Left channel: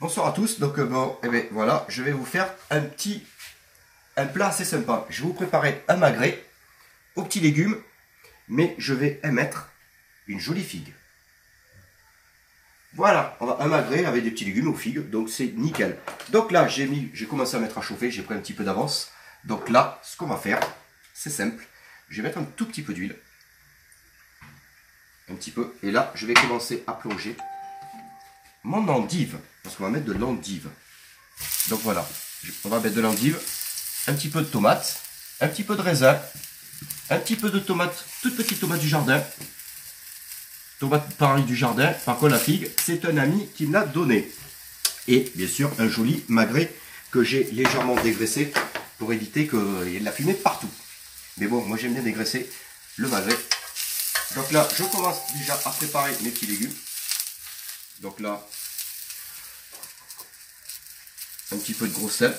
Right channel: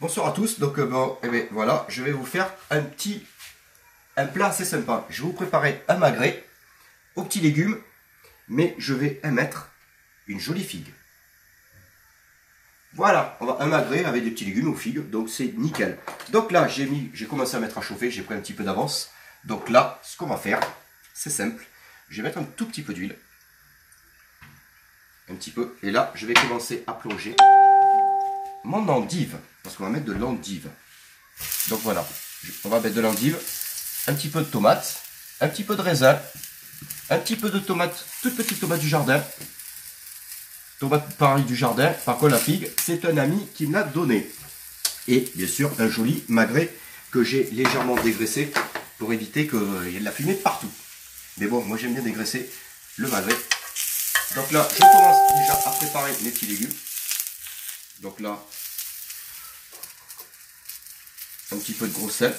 Bonsoir à tous, donc bon, eh bien, voilà, je vais vous faire un plat assez sympa. Je vais vous préparer un magret aux petits légumes, mais je vais émettre une jolie figue. Voilà, on va un magret avec des petits légumes aux figues, donc c'est nickel. Donc là, j'ai commencé à mettre à chauffer, j'ai pris un petit peu d'avance. Donc là, ce qu'on va faire, c'est simple. Je vais mettre un tout petit peu d'huile. Un petit peu. Et là, je vais commencer à plonger mon endive, parce qu'on va mettre de l'endive. Donc voilà, on va mettre de l'endive, un petit peu de tomate, un petit peu de raisin, un petit peu de tomate, toute petite tomate du jardin. Tomate pareil du jardin, par contre la figue, c'est un ami qui me l'a donné. Et bien sûr, un joli magret que j'ai légèrement dégraissé pour éviter qu'il y ait de la fumée partout. Mais bon, moi j'aime bien dégraisser le magret. Donc là, je commence déjà à préparer mes petits légumes. Donc là, un petit peu de gros sel.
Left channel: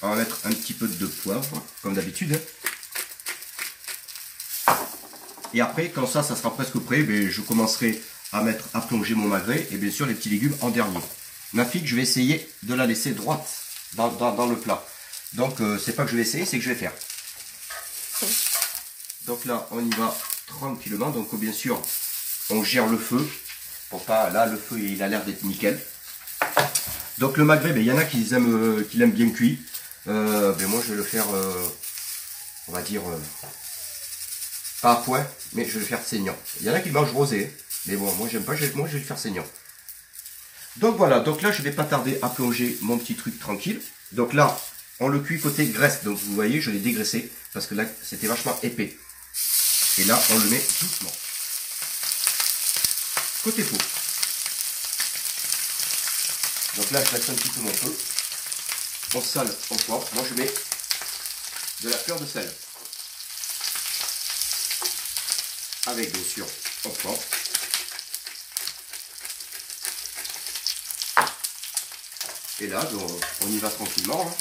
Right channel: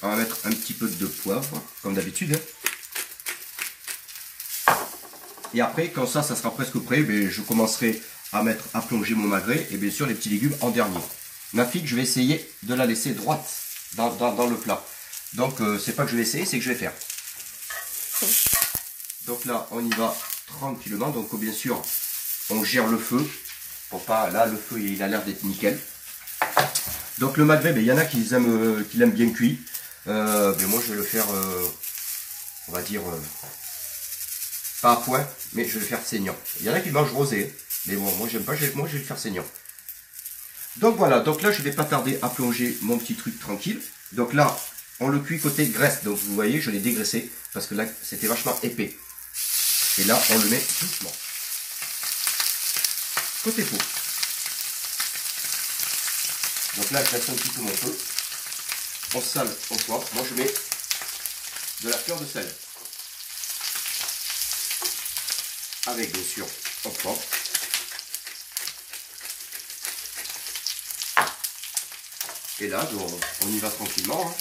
On va mettre un petit peu de poivre, comme d'habitude. Et après, quand ça sera presque prêt, je commencerai à plonger mon magret et bien sûr les petits légumes en dernier. Ma figue, je vais essayer de la laisser droite dans le plat. Donc, c'est pas que je vais essayer, c'est que je vais faire. Donc là, on y va tranquillement. Donc, bien sûr, on gère le feu. Pour pas, là, le feu, il a l'air d'être nickel. Donc, le magret, il y en a qui l'aiment bien cuit. Moi, je vais le faire, on va dire... pas à point, mais je vais le faire saignant. Il y en a qui mangent rosé, mais bon, moi j'aime pas, moi je vais le faire saignant. Donc voilà, donc là je vais pas tarder à plonger mon petit truc tranquille. Donc là, on le cuit côté graisse, donc vous voyez, je l'ai dégraissé, parce que là c'était vachement épais. Et là, on le met doucement. Côté peau. Donc là, je laisse un petit peu mon feu. On sale, on poivre. Moi je mets de la fleur de sel. Avec bien sûr on prend. Et là on y va tranquillement. Hein.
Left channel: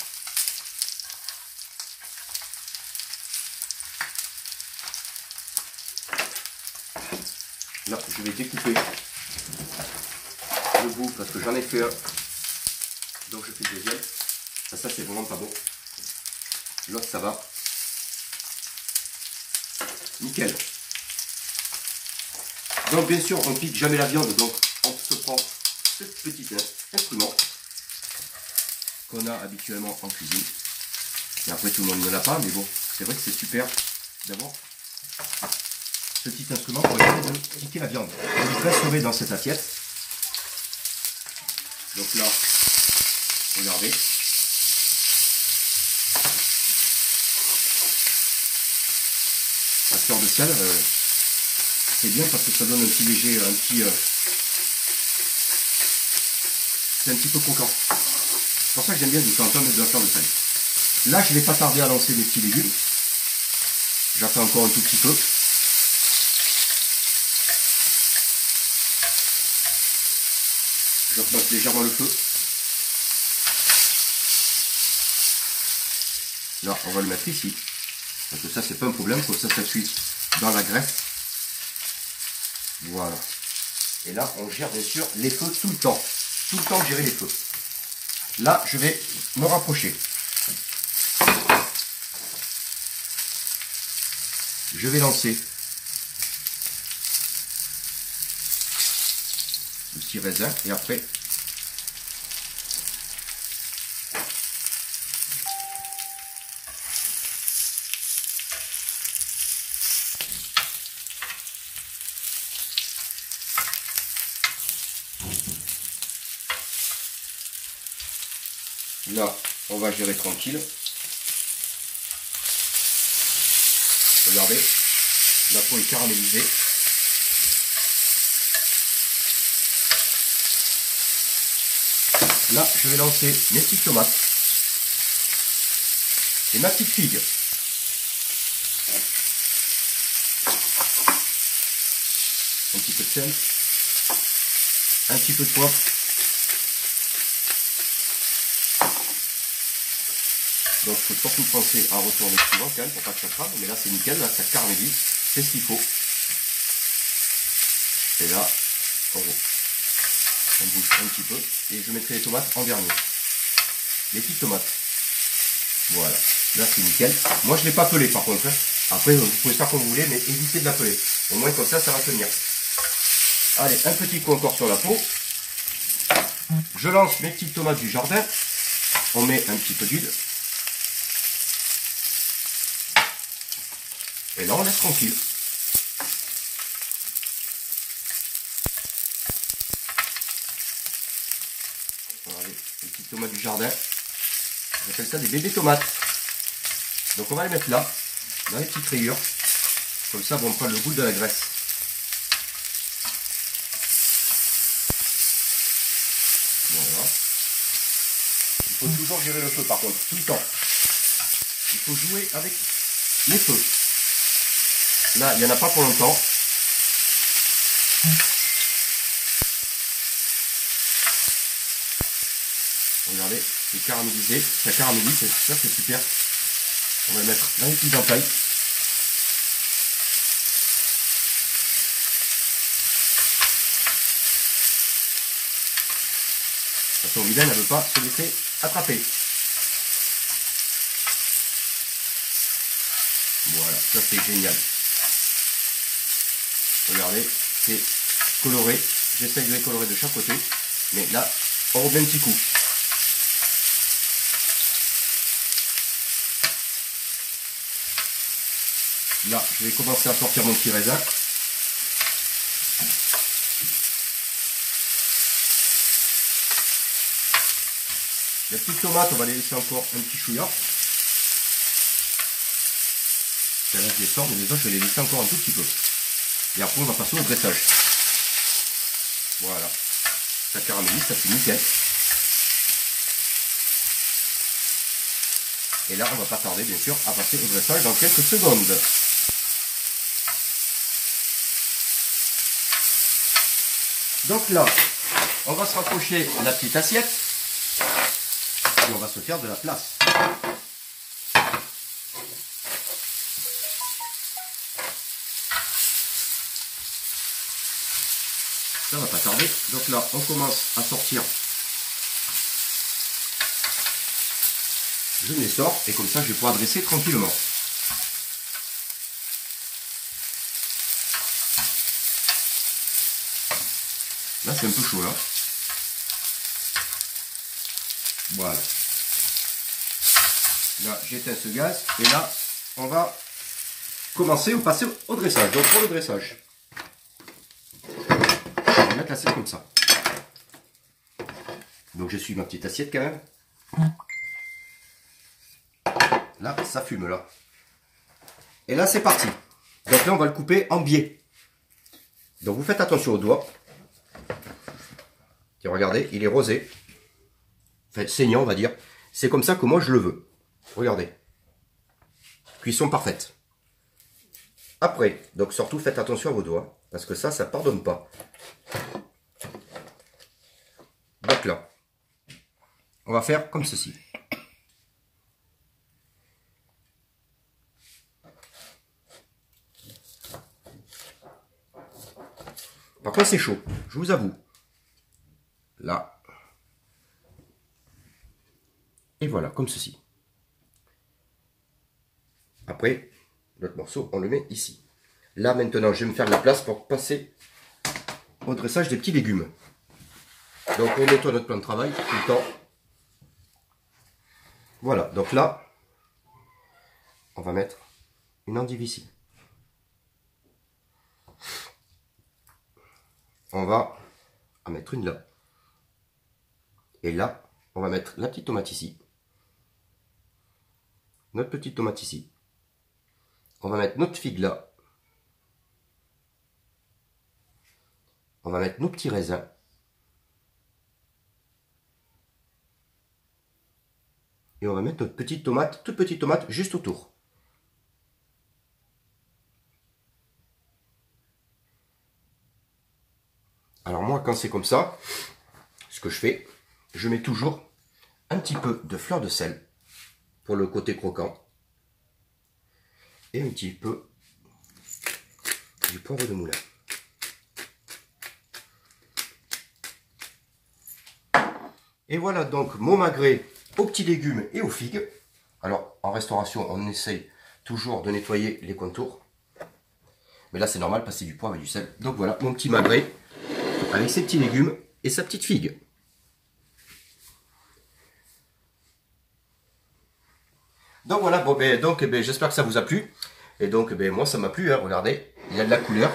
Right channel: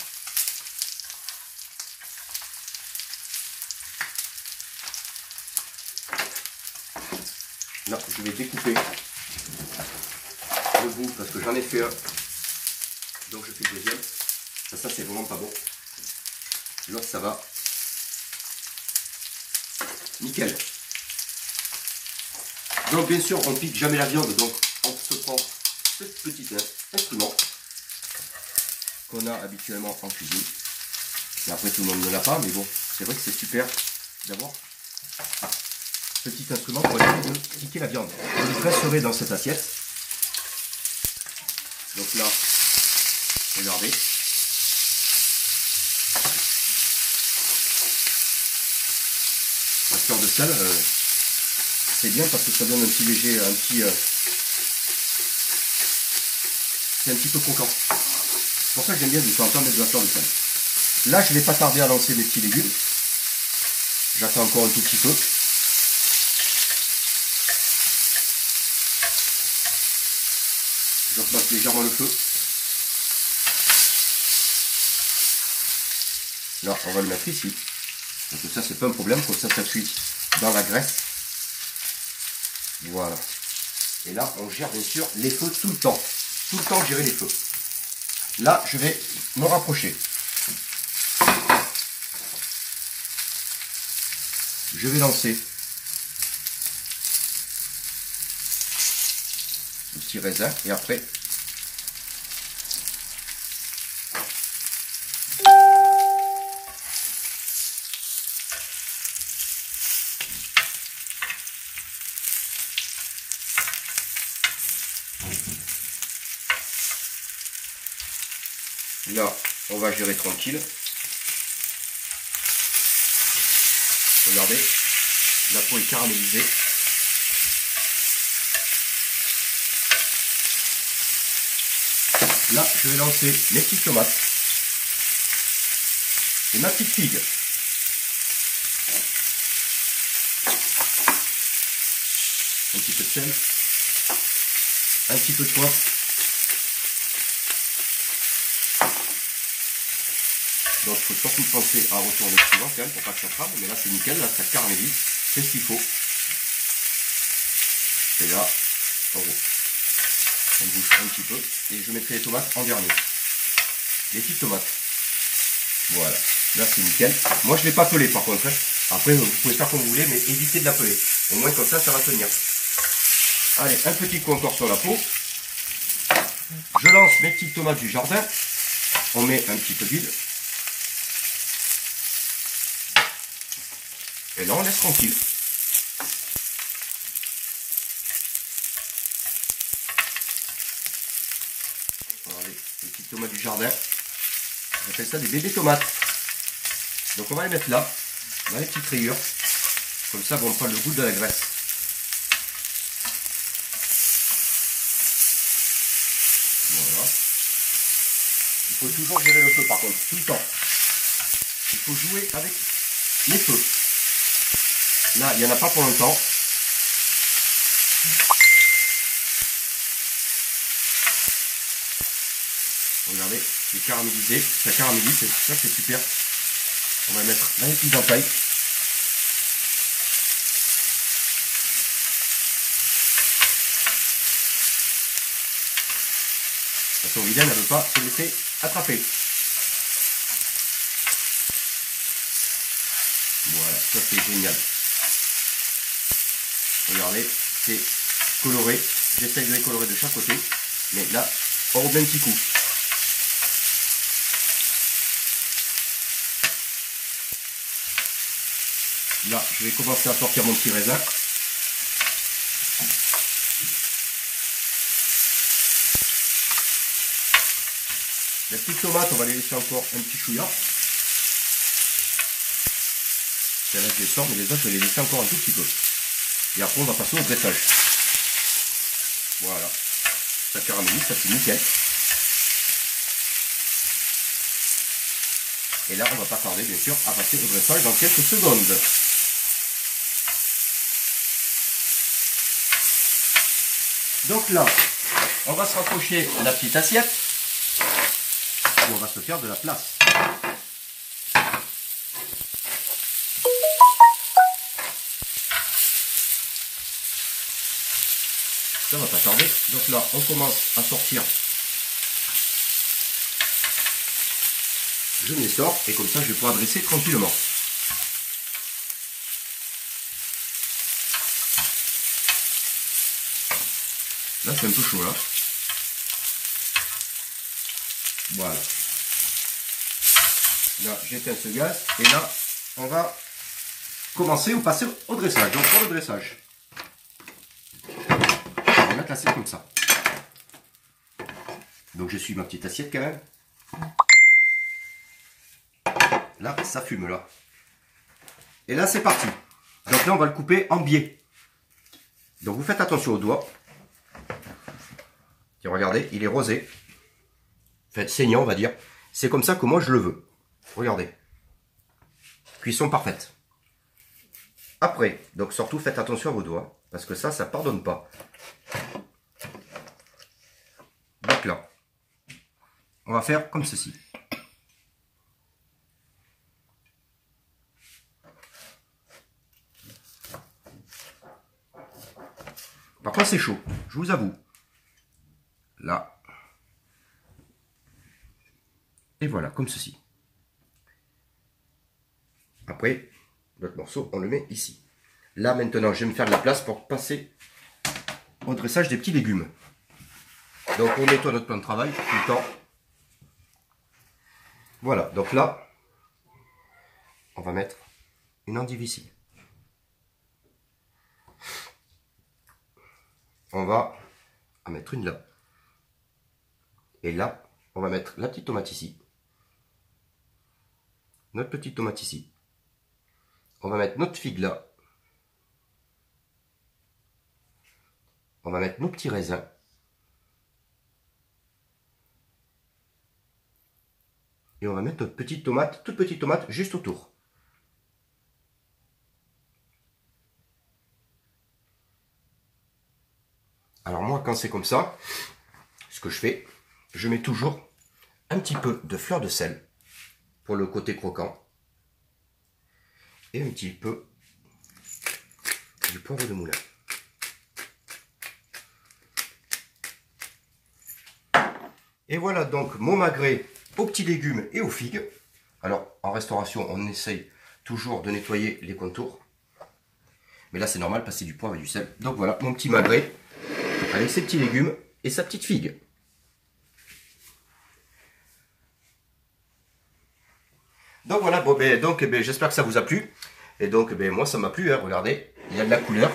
Là je vais découper le bout parce que j'en ai fait un. Donc je fais le deuxième. Ça c'est vraiment pas bon. L'autre ça va. Nickel. Donc bien sûr, on ne pique jamais la viande, donc on se prend ce petit instrument qu'on a habituellement en cuisine. Et après tout le monde ne l'a pas, mais bon, c'est vrai que c'est super d'avoir ce petit instrument pour essayer de piquer la viande. Je le presserai dans cette assiette. Donc là, regardez. La fleur de sel. C'est bien parce que ça donne un petit léger, c'est un petit peu croquant. C'est pour ça que j'aime bien de temps en temps mettre de la fleur de sel. Là, je ne vais pas tarder à lancer mes petits légumes. J'attends encore un tout petit peu. Je repasse légèrement le feu. Là, on va le mettre ici. Donc ça, c'est pas un problème, comme ça cuit dans la graisse. Voilà. Et là, on gère bien sûr les feux tout le temps. Tout le temps, gérer les feux. Là, je vais me rapprocher. Je vais lancer le petit raisin et après là, on va gérer tranquille. Regardez, la peau est caramélisée. Là, je vais lancer mes petites tomates et ma petite figue. Un petit peu de sel, un petit peu de poivre. Donc il faut surtout penser à retourner souvent quand même pour pas que ça crame, mais là c'est nickel, là ça caramélise, c'est ce qu'il faut. Et là, on On bouge un petit peu. Et je mettrai les tomates en dernier. Les petites tomates. Voilà. Là, c'est nickel. Moi, je ne l'ai pas pelé par contre. Après, vous pouvez faire comme vous voulez, mais évitez de la peler. Au moins, comme ça va tenir. Allez, un petit coup encore sur la peau. Je lance mes petites tomates du jardin. On met un petit peu d'huile. Et là, on laisse tranquille. Regardez, les petites tomates du jardin. J'appelle ça des bébés tomates. Donc on va les mettre là, dans les petites rayures. Comme ça, on prend le goût de la graisse. Voilà. Il faut toujours gérer le feu par contre, tout le temps. Il faut jouer avec les feux. Là, il n'y en a pas pour longtemps. Regardez, c'est caramélisé, ça caramélise, ça c'est super. On va le mettre dans les petites entailles. Attention, vilaine, elle ne veut pas se laisser attraper. Voilà, ça c'est génial. Regardez, c'est coloré. J'essaye de les colorer de chaque côté. Mais là, on remet un petit coup. Là, je vais commencer à sortir mon petit raisin. Les petites tomates, on va les laisser encore un petit chouïa. Là, je les sors, mais les autres, je vais les laisser encore un tout petit peu. Et après, on va passer au dressage. Voilà. Ça caramélise, ça c'est nickel. Et là, on va pas tarder, bien sûr, à passer au dressage dans quelques secondes. Donc là, on va se rapprocher de la petite assiette. Et on va se faire de la place. Ça va pas tarder. Donc là, on commence à sortir. Je les sors et comme ça, je vais pouvoir dresser tranquillement. Là, c'est un peu chaud là. Voilà. Là, j'éteins ce gaz et là, on va commencer ou passer au dressage. Donc pour le dressage, on va mettre l'assiette comme ça. Donc je suis ma petite assiette quand même. Là, ça fume là. Et là, c'est parti. Donc là, on va le couper en biais. Donc vous faites attention aux doigts. Et regardez, il est rosé. Enfin, saignant, on va dire. C'est comme ça que moi, je le veux. Regardez. Cuisson parfaite. Après, donc surtout, faites attention à vos doigts. Parce que ça pardonne pas. Donc là, on va faire comme ceci. Par contre, c'est chaud, je vous avoue. Là. Et voilà, comme ceci. Après, notre morceau, on le met ici. Là, maintenant, je vais me faire de la place pour passer au dressage des petits légumes. Donc, on nettoie notre plan de travail tout le temps. Voilà, donc là, on va mettre une endive ici. On va en mettre une là. Et là, on va mettre la petite tomate ici. Notre petite tomate ici. On va mettre notre figue là. On va mettre nos petits raisins. Et on va mettre notre petite tomate, toute petite tomate, juste autour. Alors moi, quand c'est comme ça, ce que je fais, je mets toujours un petit peu de fleur de sel pour le côté croquant. Et un petit peu du poivre de moulin. Et voilà donc mon magret aux petits légumes et aux figues. Alors en restauration, on essaye toujours de nettoyer les contours. Mais là c'est normal parce que c'est du poivre et du sel. Donc voilà mon petit magret avec ses petits légumes et sa petite figue. Donc voilà, bon, j'espère que ça vous a plu. Et donc moi ça m'a plu, hein, regardez, il y a de la couleur,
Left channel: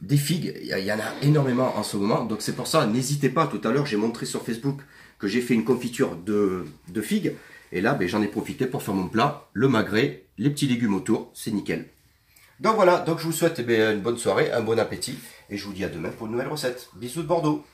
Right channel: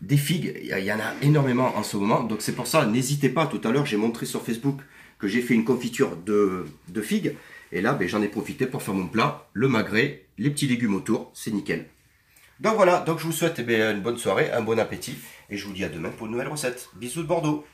des figues, il y en a énormément en ce moment. Donc c'est pour ça, n'hésitez pas, tout à l'heure j'ai montré sur Facebook que j'ai fait une confiture de figues. Et là j'en ai profité pour faire mon plat, le magret, les petits légumes autour, c'est nickel. Donc voilà, donc je vous souhaite une bonne soirée, un bon appétit. Et je vous dis à demain pour une nouvelle recette. Bisous de Bordeaux.